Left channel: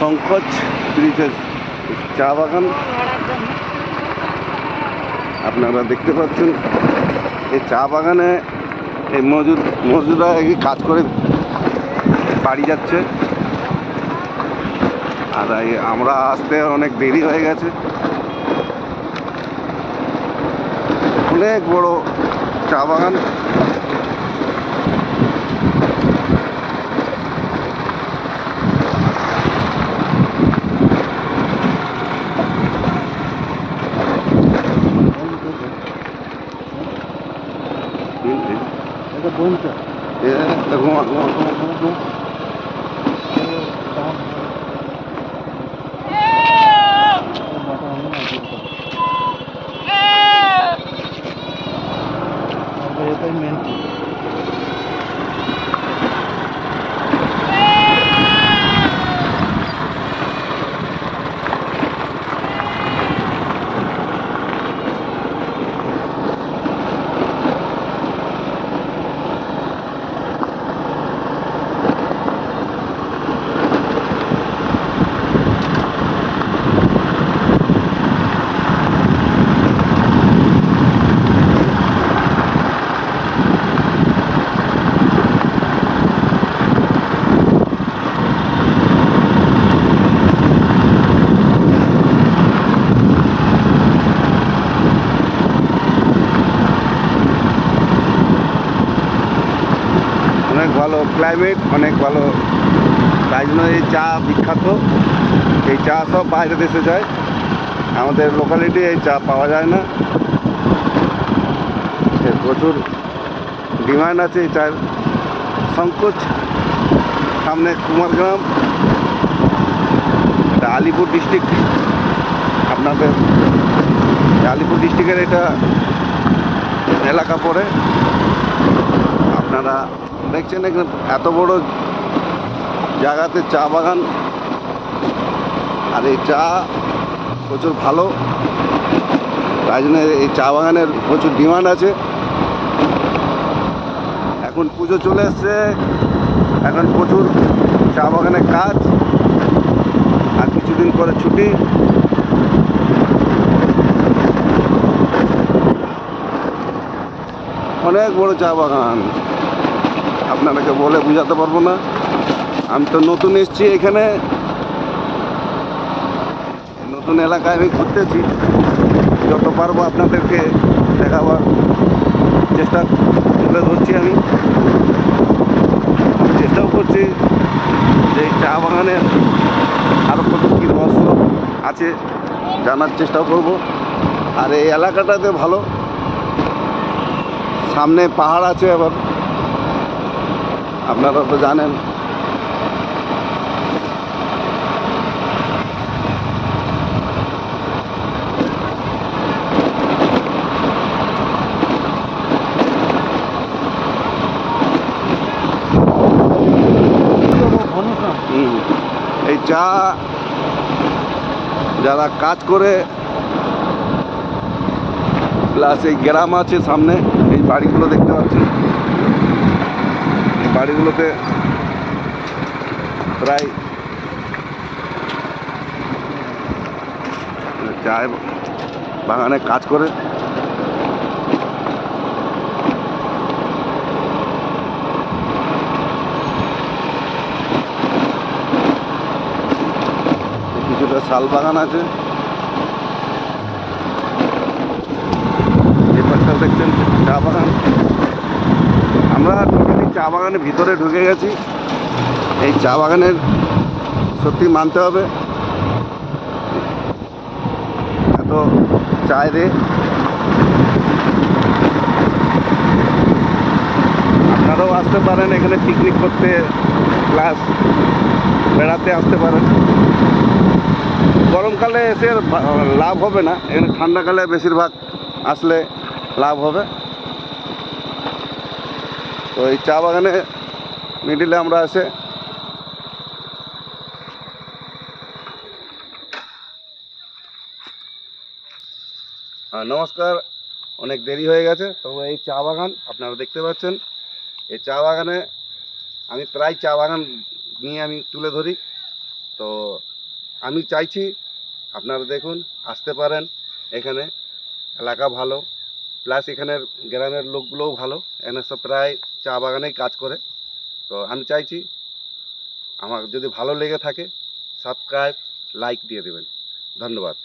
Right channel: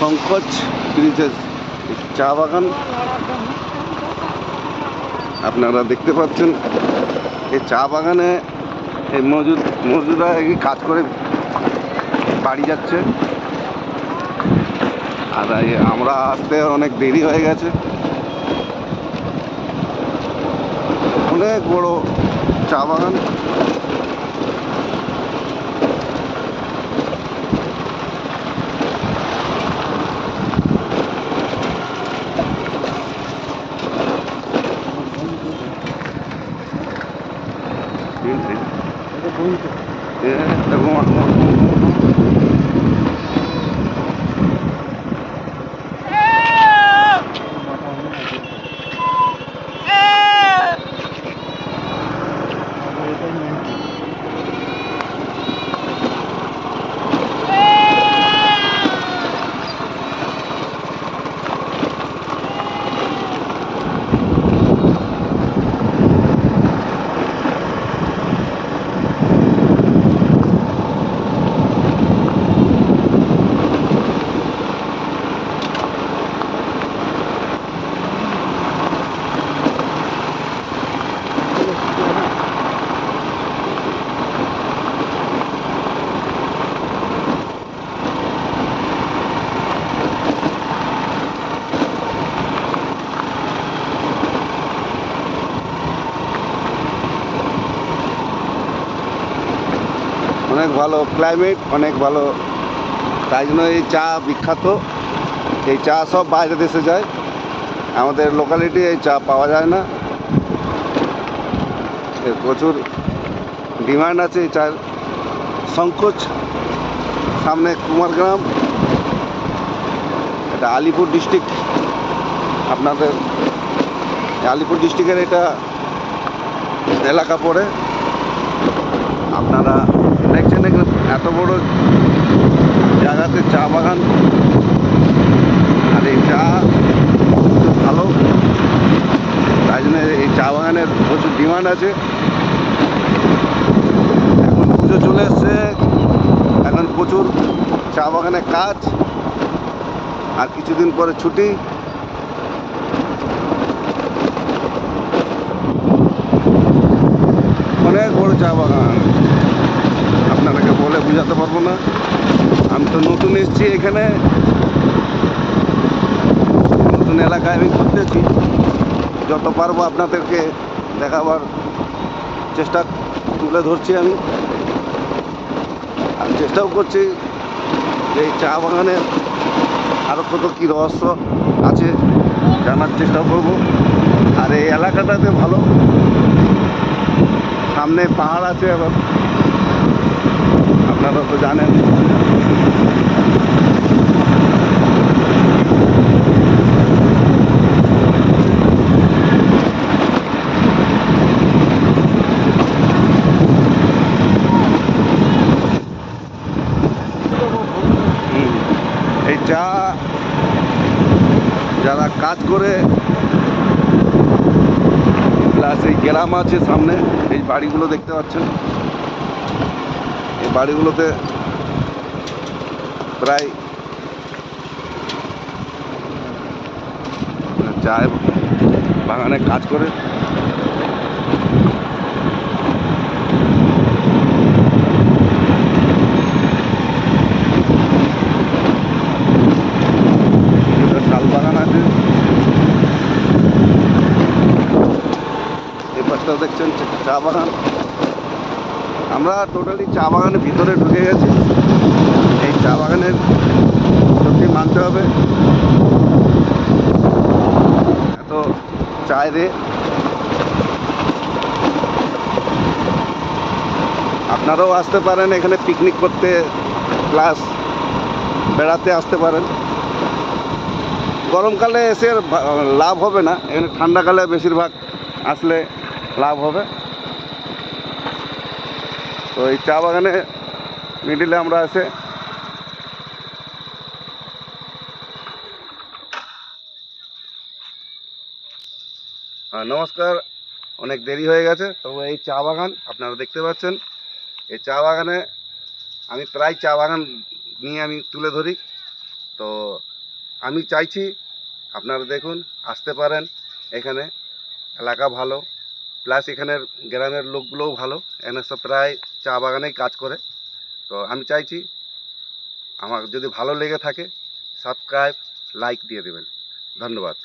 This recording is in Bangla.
সংকোচ ব্রিজের চা বাগান আপনারা দেখতে পাচ্ছেন। এই চা বাগানে এই মজুদরা কাজ করে বাড়ি যাচ্ছে, আর আমরা আসতে অনেক দেরি হয়ে গেছে। অনেক বড় চা বাগান। অনেক ভালো ক্লাইমেট, অনেক ভালো, তাই জন্য এই চা বিখ্যাত। এই চা সব বাইরে দেশে যায়, আমাদের লোকালিটি এই চা পাওয়া যায় না। এর প্রচুর ডিমান্ড আছে এই চায়ের। সংকোচ সামনে কুমারগ্রাম, এটা আলিপুর ডিস্ট্রিক্ট। আপনাদের আলিপুর ডিস্ট্রিক্টের এটা এলাকা পড়ে। আপনারা দেখছেন এখানে এত বড় জায়গাতে চা বাগান, আর এই চা প্রচুর ভালো, তাই জন্য এই চা বাগানের প্রচুর ডিমান্ড আছে। এখন পুজো চলে এসছে, এখন প্রচুর চা বাগানে কাজ, আর কিছুদিন পরে ছুটি। অনেক বড় চা বাগান, আপনাদেরকে বলে বোঝাতে পারবো না। আমি তো নতুন এসেছি এখানে, নতুন এলাকায় আমি ঘুরতেছি। যত পারবো আপনাদেরকে দেখাবার চেষ্টা তুলে ধরছি। আমি চেষ্টাও করছি যে এই চা বাগানের আরও কত কী রহস্য আছে জানার চেষ্টাও করব। আর এই এলাকাটাতে ভালো, সামনে পাহাড় আছে, আবার আপনারা তো জানেন। এই চা যারা কাজ করে, প্লাস এই গ্রাম আছে সামনে, এই বাড়িগুলো দেখতে পাচ্ছেন। এই বাড়িগুলোতে প্রায় চা বাগানে কাজ করে। কিছুটা শাল বাগান আছে, এই পাশটাও দেখছেন চা বাগান। আমরা টোটালি চা বাগানের ভিতরে ঢুকে গেছি। এই চা বাগানের সত্যি মানতে হবে, এত চায় রে। আপনারাও আসতে পারেন এখানে পিকনিক করতে, প্লাস বেড়াতে আসতে পারেন। গরমকালে এসে লাভ হবে না, এখানে ঠান্ডাকালে বেশিরভাগ আসলে লাভ হবে। তো এই চা বাগানে মিডিলে আমরা এসে নমস্কার, অনেক দেরি হয়ে গেছে। তবে এই চা বাগান আপনারা দেখতে পাচ্ছেন। এই চা বাগানে আমি প্রায় চা বাগান নিয়ে আমি তুলে ধরি। তো আমি চাইছি আপনারা দেখুন, আসতে পারেন। এখানে এলাকা ভালো, প্লাস এখানের গ্রামের লোকগুলোও ভালো। এখানে সব প্রায় চা বাগানেই কাজ করে। তো আমি চাইছি আমার যদি ভালো লেগে থাকে সাবস্ক্রাইব, লাইক দিয়ে দেবেন। ধন্যবাদ।